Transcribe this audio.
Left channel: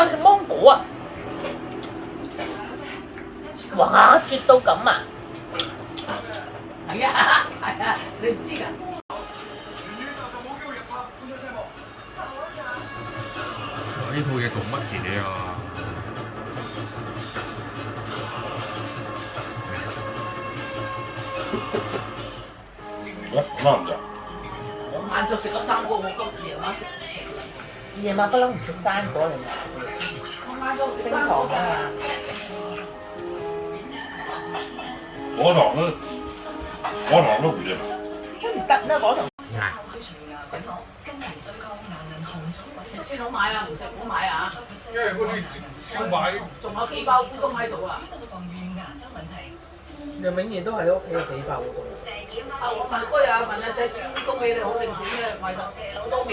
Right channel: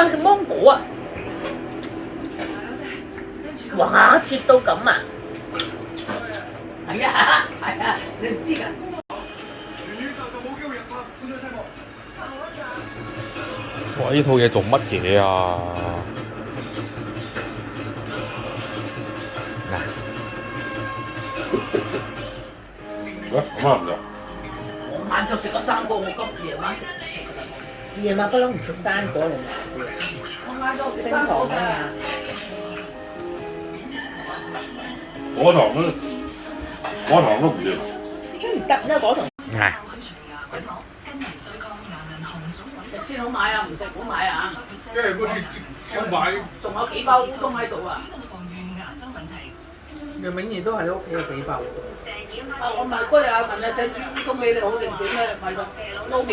啊，芒果啊！哇，絕到咁啊！係啊，係啊，你唔知㗎？哇！呢套嘢做乜嘢啊？喂，啱唔得？我晏晝食咗生果，我今夜晚食唔食㗎？夜晚不嬲唔食生果嚟㗎。我晏晝食生果㗎。果糖都唔掂。都唔得啦，果糖。嗱，食先好買啊，唔食唔好買啊！因為嗰啲燒賣仲有幾包烏冬喺度啊！楊永賢都喺屋企有幾包喎。我問嗰日問阿仔煮烏冬俾你好定點咧？買咗撈麵。